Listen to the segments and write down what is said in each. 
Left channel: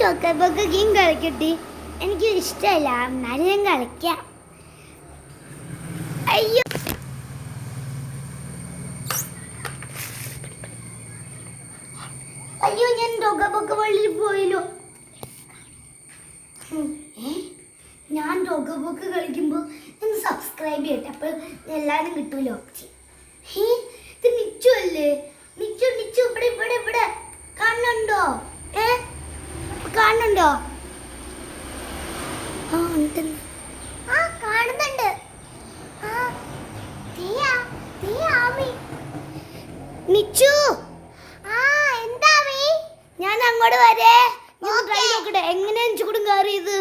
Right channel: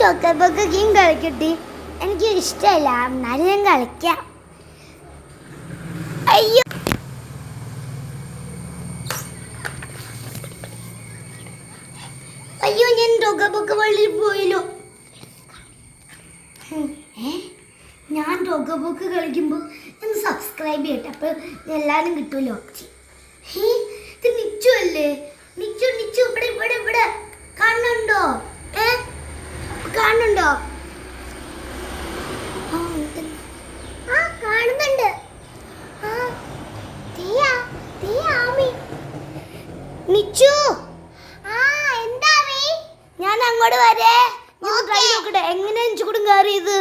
ചോക്കോബോക്ക് game കളിക്കട്ടെ. എനിക്ക് ഇഷ്ടമല്ല, എന്നാലും ഞാൻ കളിക്കാം. അയ്യോ അയ്യോ, ഞാൻ ചോക്കോബോക്ക് വള്ളിയിൽ പോയല്ലോ. ഞാൻ ചോക്കോബോക്ക് കളിക്കുമ്പോൾ ഒന്ന് സബ്സ്ക്രൈബ് ചെയ്യട്ടെ, അപ്പോൾ എല്ലാവരും കിട്ടുമല്ലോ. ഇത് നിച്ചു അല്ലേ? നിച്ചു നിച്ചു ഇവിടെ ഇവിടെ ഇവിടെ കാണുന്നുണ്ടോ? കാണുന്നുണ്ടോ? കാണുന്നുണ്ട്. നിച്ചു ഞാൻ അങ്ങോട്ട് വരേ. നോക്കട്ടെ എങ്ങനെ ചൂടും കയറിയത്.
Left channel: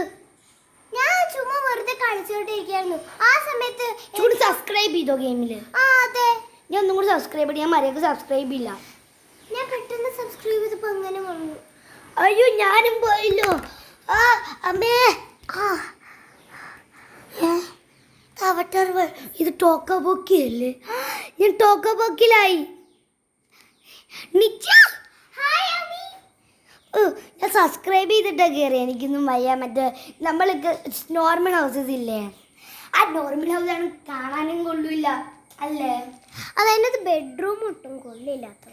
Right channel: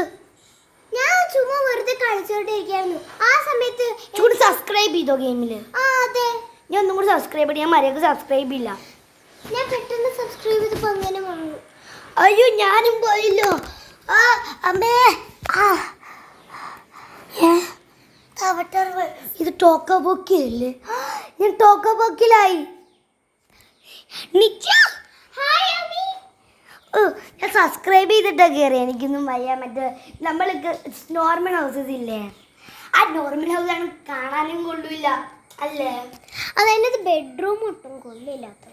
ഞാൻ ചുമ്മാ വെറുതെ കളിച്ചോണ്ടിരിക്കായിരുന്നു. ആ സമയത്ത് ചൂട് സബ്സ്ക്രൈബ് ചെയ്തോ ഗെയിമില്? അതെ, ഞാൻ ഒന്നും കൂടി സബ്സ്ക്രൈബ് ചെയ്യാൻ മര്യാദക്ക് സബ്സ്ക്രൈബ് ഇല്ല. ഞാൻ പെട്ടെന്ന് സബ്സ്ക്രൈബ് ചെയ്തപ്പോ അങ്ങനെ വന്നു. അയ്യോ ഞാനും പോയല്ലോ. അമ്മേ ഇത് ടോക്കോബോക്കിയല്ലേ? ഞാൻ ടോക്കോബോക്കിലായി. ഞാൻ സബ്സ്ക്രൈബ് ചെയ്തിട്ടാ കയറി. എനിക്കൊന്നും വയ്യ. മറ്റേ നമ്മൾക്ക് നോർമൽ ഹൗസസ് ഇല്ലേ, ആ നോർമൽ ഹൗസാണ് കാണാനും കൊള്ളില്ല അല്ലേ? അതെൻ്റെ ബെഡ്റൂം ഒട്ടും കൊള്ളില്ലാത്ത.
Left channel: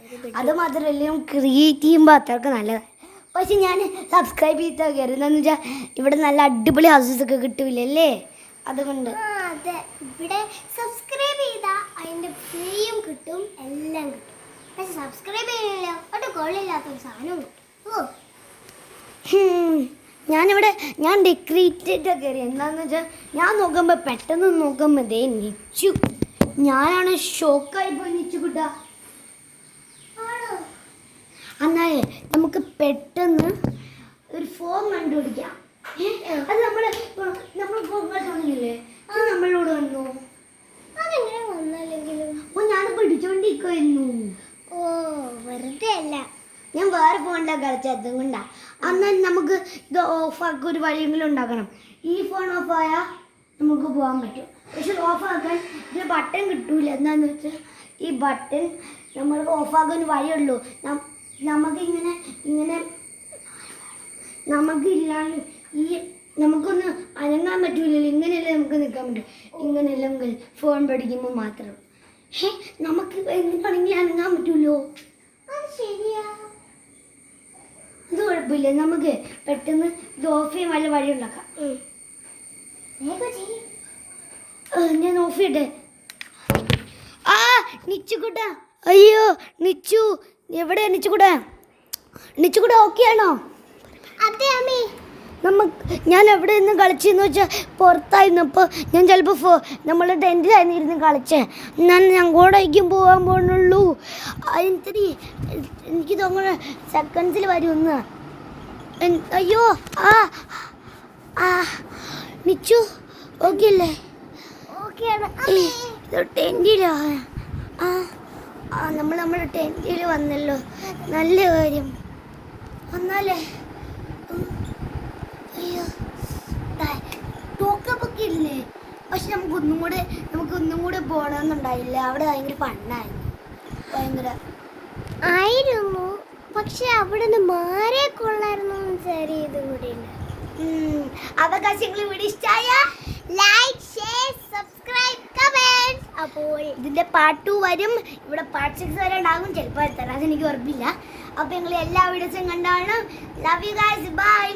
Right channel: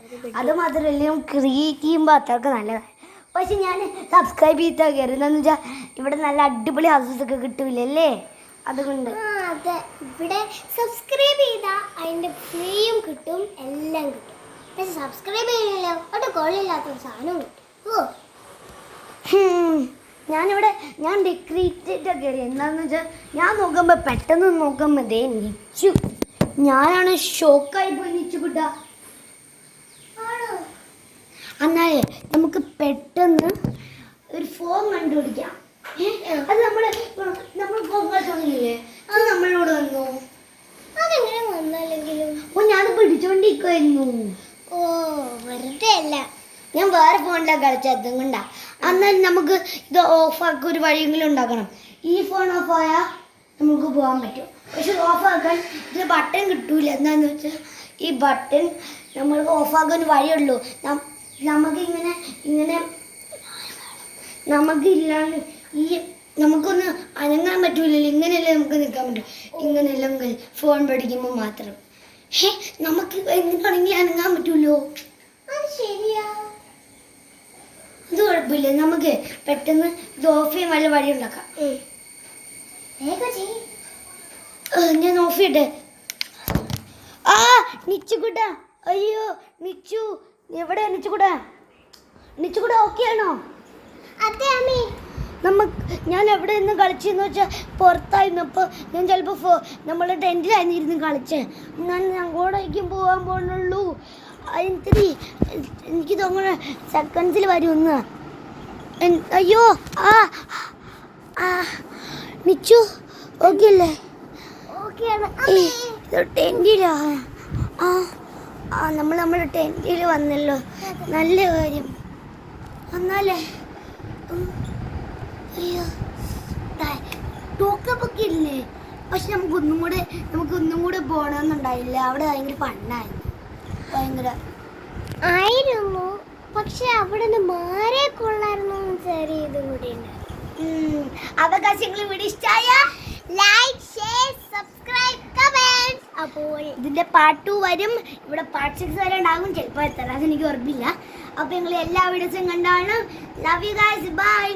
അത് മാത്രമല്ല ക്രിയേറ്റ് ചെയ്യുമ്പോൾ അത്രയ്ക്ക് നല്ലതാണ്. പക്ഷെ ഞാൻ സബ്സ്ക്രൈബ് ചെയ്തിട്ടാ കയറി. എന്താണെന്ന് വെച്ചാൽ ഇവിടെ നല്ല അടിപൊളി ഹൗസസ് ഒക്കെ കിട്ടൂലല്ലേ, അതുകൊണ്ട്. അതെ, ഇവിടെ സബ്സ്ക്രൈബ് ചെയ്താൽ അതിൻ്റെ ഫ്രീയും കിട്ടും, എല്ലാം കിട്ടും. പക്ഷെ സബ്സ്ക്രൈബ് ചെയ്യുന്നില്ല, അവിടെ കൊള്ളില്ലാത്തൊരു സാധനം കിട്ടും. ഞാൻ ഡെക്കറേറ്റ് കയറി. എന്താണെന്ന് വെച്ചാൽ ഞാൻ നോക്കുമ്പോൾ പെട്ടെന്ന് നോക്കുമ്പോൾ ദേ നിച്ചു. ഞാനാണ് ഷോക്കായി പോയി. നിച്ചു കിട്ട എന്നാലേ നമുക്ക് പെട്ടെന്ന് ഒരു ഫോം കണ്ടുപിടിക്കാം. അത് നമ്മൾ പോകാനില്ലേ, അത് നമ്മളോട് വന്നു. അതെങ്ങനെ വന്നല്ലെങ്കിലും ഞാൻ പിടിച്ചോണ്ടിരിക്കുമായിരുന്നു. വെറുതെ അല്ല, ഞാൻ വേറെ ഫോണിലാണ് കളിച്ചത്, അതും കൊണ്ടാ. എന്നാൽ നമുക്ക് ഇത് ഓഫാക്കി ഒരു വഴിയെങ്കിലും ഉണ്ടാക്കണം. ഈ ഫോൺ ഓഫായാൽ നമുക്ക് പോകാൻ പറ്റും. പക്ഷെ ഓഫാക്കാൻ ഇത് ബട്ടൺ കിട്ടൂല. എന്താണെന്ന് വെച്ചാൽ ഈ ബട്ടൺ നമ്മൾക്ക് ഓഫാക്കാൻ വഴിയുള്ളൂ. നമുക്കിങ്ങനെ നമുക്കില്ലാണ്ട് നമുക്കൊന്ന് അനങ്ങാൻ പറ്റൂലല്ലോ. ഇങ്ങനെയല്ലേ നമുക്ക് നിൽക്കാൻ പറ്റും. ഇങ്ങനെയല്ലെങ്കിൽ ഫോൺ പഠിക്കുമ്പോൾ മാത്രം. നമുക്ക് എങ്ങനെയാണെങ്കിൽ അനങ്ങാൻ പറ്റൂലോ. അത് ശരിയാ, ഇത് കുഴപ്പമില്ല. നമുക്ക് പെട്ടെന്ന് ഇത് ഓഫ് ചെയ്യാൻ വല്ല വഴി ഉണ്ടാക്കാം. ഞാൻ ഓഫ് ചെയ്യട്ടെ. നിച്ചുകൂട്ടാ, അയ്യോ നിച്ചു എവിടെ? നിച്ചുകൂട്ടാ ഓക്കെ ആണോ? അതെ അമ്മേ. ഞാൻ എവിടെ നിന്ന് കളിച്ചെന്ന് വെച്ചാൽ പുറത്തായിരുന്നു. അപ്പോൾ ഞാൻ ചിലപ്പോൾ നമ്മൾ ടെൻറ്റിലായിരുന്നു ഇരുന്ന് കളിച്ചേ. ഞാൻ അങ്ങോട്ടേക്കും പോകാൻ പോകുന്നുള്ളൂ. എനിക്ക് തോന്നുന്നു സെക്കൻഡ്സിൽ വരുമെന്ന്. അയ്യോ നിച്ചു ഓക്കെ അല്ലേ? ടെൻറ്റിലാണ്. നമ്മുടെ ടെൻറ്റിൽ വന്നല്ലോ, നല്ല കാര്യം. വന്നാലേ അയ്യോ ടോക്കപ്പൊക്കെ ഇല്ലേ? പക്ഷെ നമുക്കൊന്നും കൂടെ പോകണമെന്നുണ്ടായില്ല. അവിടെ ഭയങ്കര ഫണ്ണായിരുന്നു, ഭയങ്കര ആയിരുന്നു. പക്ഷെ അവിടെ മാറേ കൊള്ളായിരുന്നു. ഇതും കൂടി അവകാശങ്ങൾ ഇവിടെ ഇഷ്ടമായ ലൈക്ക്, ഷെയർ, സബ്സ്ക്രൈബ്, കമന്റ്. അപ്പോൾ ഇതിന്റെ പാർട്ട് 2 വരും. ഇവിടെ പാർട്ട് 6 വരെ ഉണ്ടാകും, ചിലപ്പോൾ എത്ര, അതെനിക്ക് ഉറപ്പില്ല. അപ്പോൾ നിങ്ങൾ എല്ലാ വീഡിയോസും കണ്ടാണ്. Love you guys, by.